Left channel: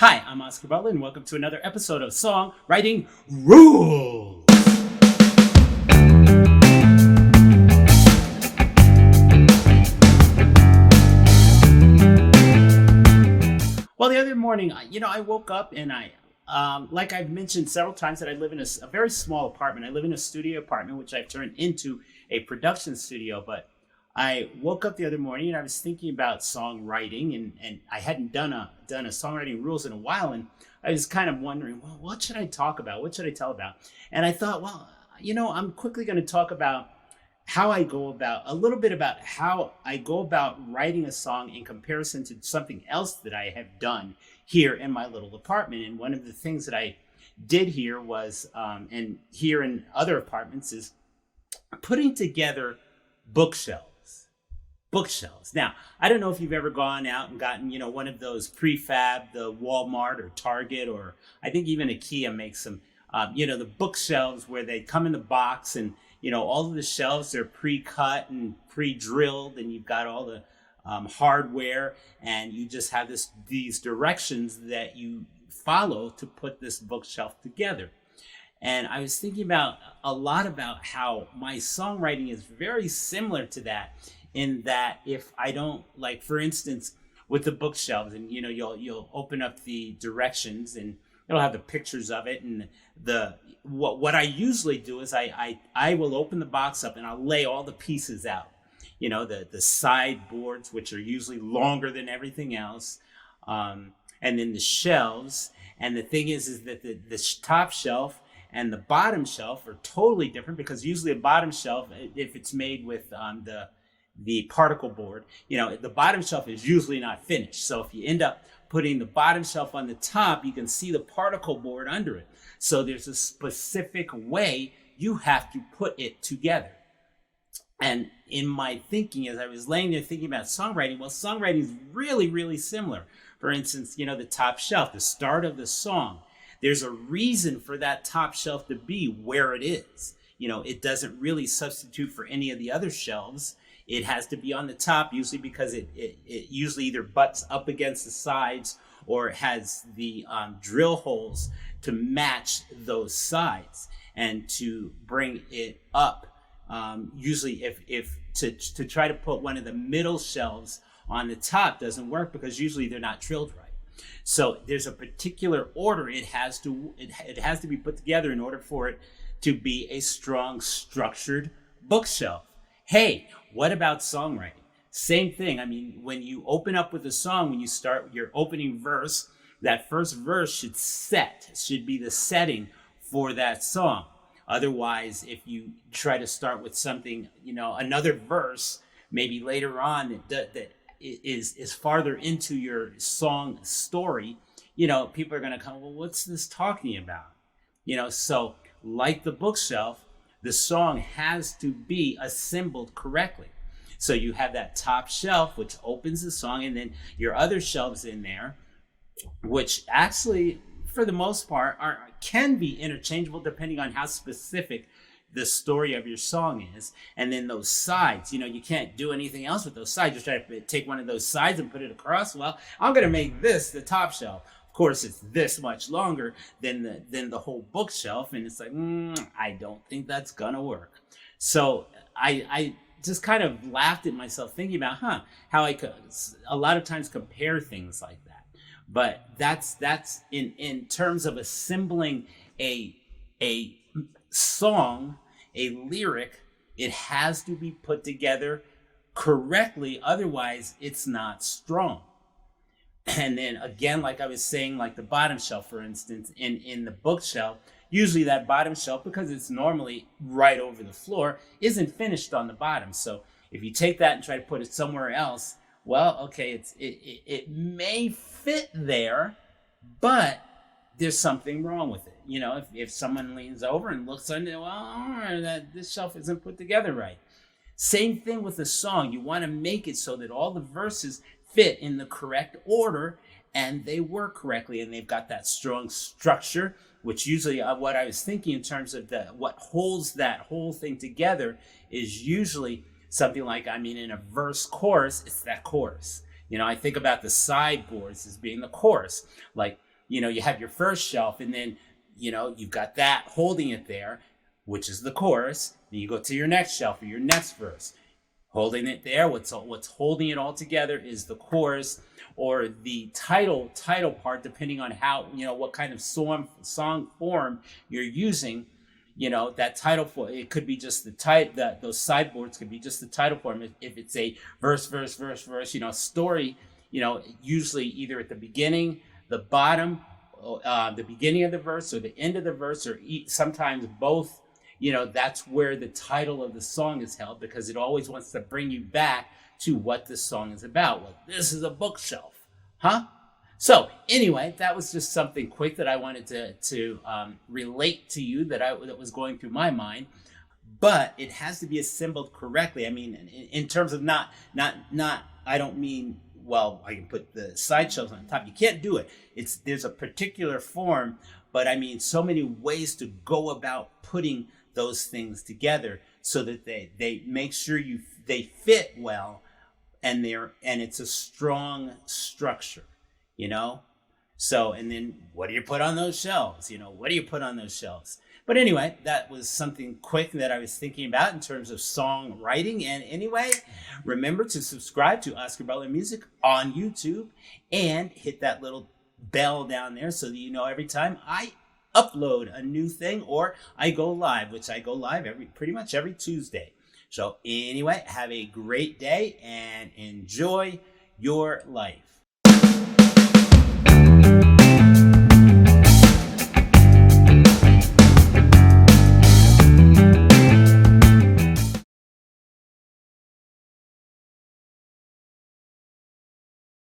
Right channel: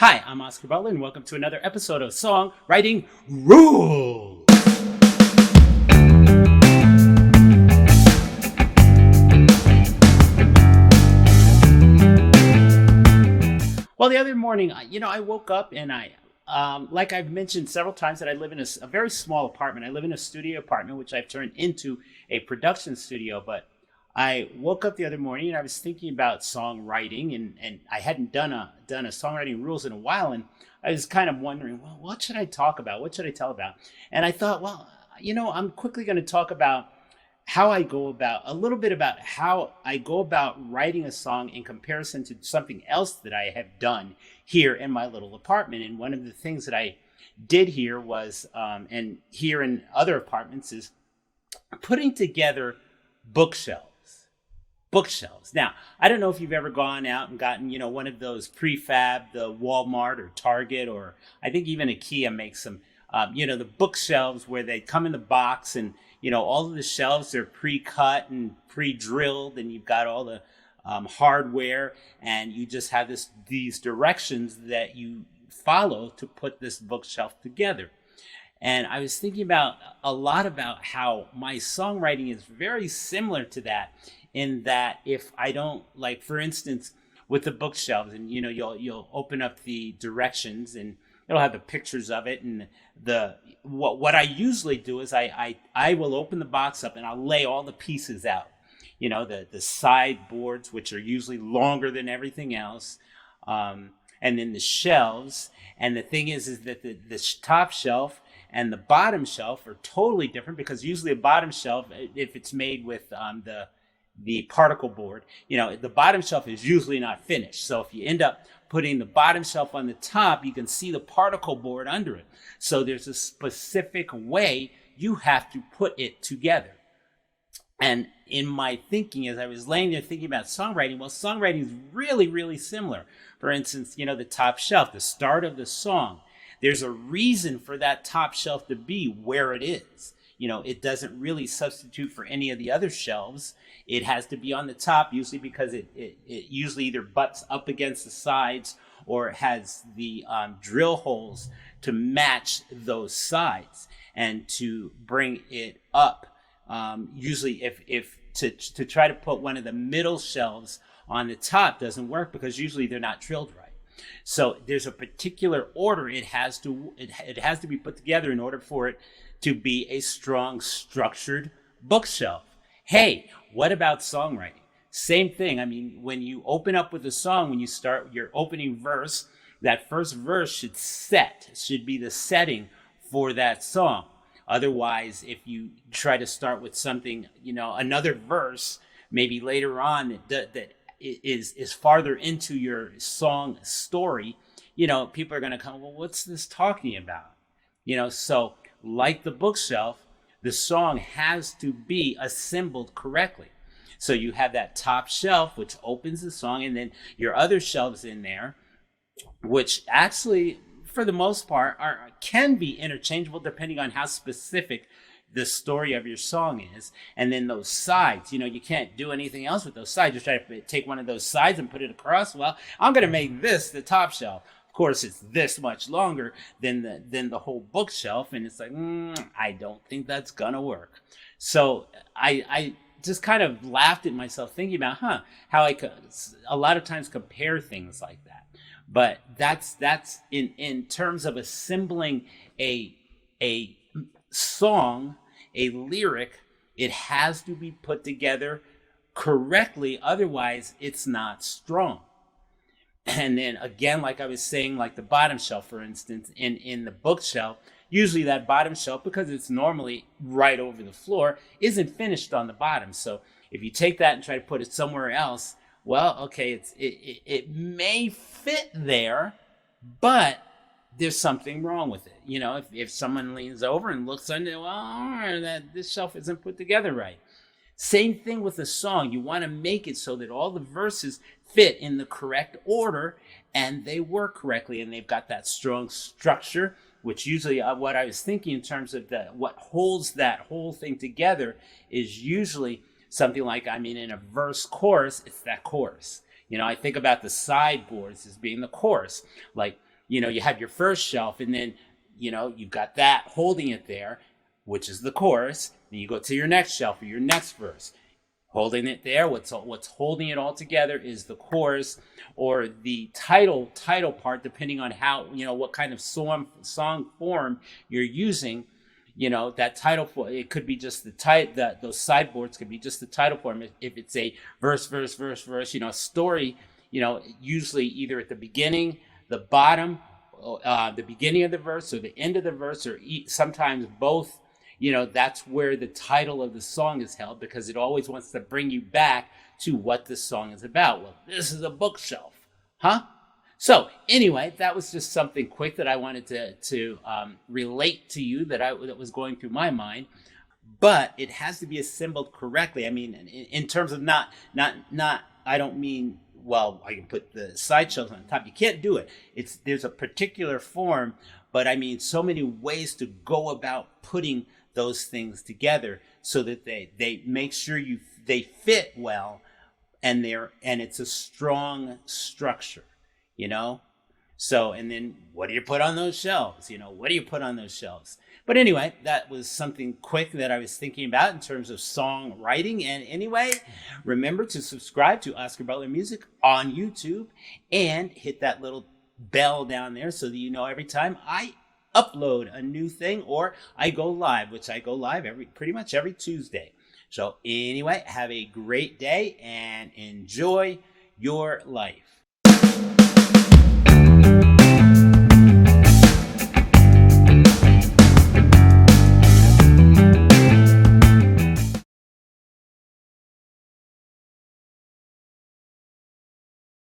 Hi, I'm Oscar Butler, and welcome to another episode of Songwriting Rules. Well, the other morning, I woke up and like I've mentioned several times, that I live in a very small apartment. I live in a studio apartment, which I've turned into a production studio. But I woke up the other morning and I was thinking about songwriting, and I hadn't done a songwriting rules in a while, and I was kind of wondering, well, what should I talk about? What should I tell about? And I thought, well, I'm quickly going to talk about how I go about a little bit about how I go about writing a song in comparison to something else that I have done here in my little apartment. And one of the things that I did here was, and here in other apartments, is putting together bookshelves. Bookshelves. Now, I don't know if you've ever gone out and gotten, one of those prefab, the Walmart or Target, or I think even IKEA makes them, the bookshelves where they come in the box, and all of the shelves are pre-cut and pre-drilled, and you've got all the hardware, and you just have these directions that you follow to put this bookshelf together. And I was thinking a lot about how my songwriting is very similar to that, in that if I don't, like, for instance, with the bookshelves, and you'll open up the directions and it'll have the pictures of it, and what I usually do is I will open the box up and I'll lay all the pieces out, the sideboards, which are usually longer than everything else, and then the shelves. And the thing is that the top shelf and the bottom shelf are totally different, because usually a bottom shelf, if it's made with the particle board, the bottom shelf is usually not finished. So if you end up putting the bottom shelf on the top, you can see the particle board under it. So there's a specific way you have to put it together. And in my thinking, as I was laying there thinking about songwriting, well, songwriting is really, really similar. For instance, the top shelf, the start of the song, there's a reason for that top shelf to be where it is. It doesn't really substitute for any of the other shelves. It has to be on the top, usually because it usually either butts up against the sides, or it has the drill holes to match those sides, and to bring it up. Usually if to try to put one of the middle shelves on the top doesn't work, because usually they're not drilled right. So there's a particular order it has to be put together in order for it to be a strong, structured bookshelf. Hey, what about songwriting? Same thing. I mean, when you open up with a song, when you start your opening verse, that first verse should be the setting for that song. Otherwise, if you try to start with something, another verse, maybe later on that is farther into your song story, people are going to come, well, what's this talking about? So like the bookshelf, the song has to be assembled correctly. So you have that top shelf, which opens the song, and then your other shelves in there, which actually, for the most part, can be interchangeable depending on how specific the story of your song is. And then those sides, you can't do anything else with those sides. You try to take one of those sides and put it across. Well, I'm going to make this the top shelf. Of course, it's this much longer than the whole bookshelf, and it's like, I don't think that's gonna work. So I just kind of laughed at myself, thinking about how I could a lot of times compare things like that. But that's in terms of assembling a song, a lyric, it has to be put together correctly, otherwise it's not strong. And then again, like I was saying, like the bottom shelf, for instance, in the bookshelf, usually that bottom shelf, because it's normally right over the floor, isn't finished on the bottom. So if you take that and try to put it somewhere else, well, okay, it may fit there, but there's something wrong with it. If someone leans over and looks under, well, this shelf isn't put together right. Same thing with a song. You want to make it so that all the verses fit in the correct order, and they work correctly, and they've got that strong structure, which usually what I was thinking in terms of what holds that whole thing together is usually something like, in a verse chorus, it's that chorus. I think about the sideboards as being the chorus. Like you have your first shelf, and then, you've got that holding it there, which is the chorus. Then you go to your next shelf or your next verse, holding it there. What's holding it all together is the chorus or the title part, depending on how, what kind of song form you're using. That title form, it could be just those sideboards could be just the title form. If it's a verse, story, usually either at the beginning, the bottom, the beginning of the verse or the end of the verse, or sometimes both. That's where the title of the song is held, because it always wants to bring you back to what the song is about. Well, this is a bookshelf, huh? So anyway, that was just something quick that I wanted to relate to you that was going through my mind. But it has to be assembled correctly. I mean, in terms of not. I don't mean, well, I can put the side shelves on top. You can't do it. There's a particular form, but I mean, so many ways to go about putting those things together so that they make sure they fit well, and it's a strong structure. So, and then what do you put on those shelves? But anyway, that was something quick that I was thinking about in terms of songwriting. And anyway, remember to subscribe to Oscar Butler Music on YouTube and hit that little bell down there so that you know every time I upload a new thing or I go live, which I go live pretty much every Tuesday. So anyway, have a great day and enjoy your life.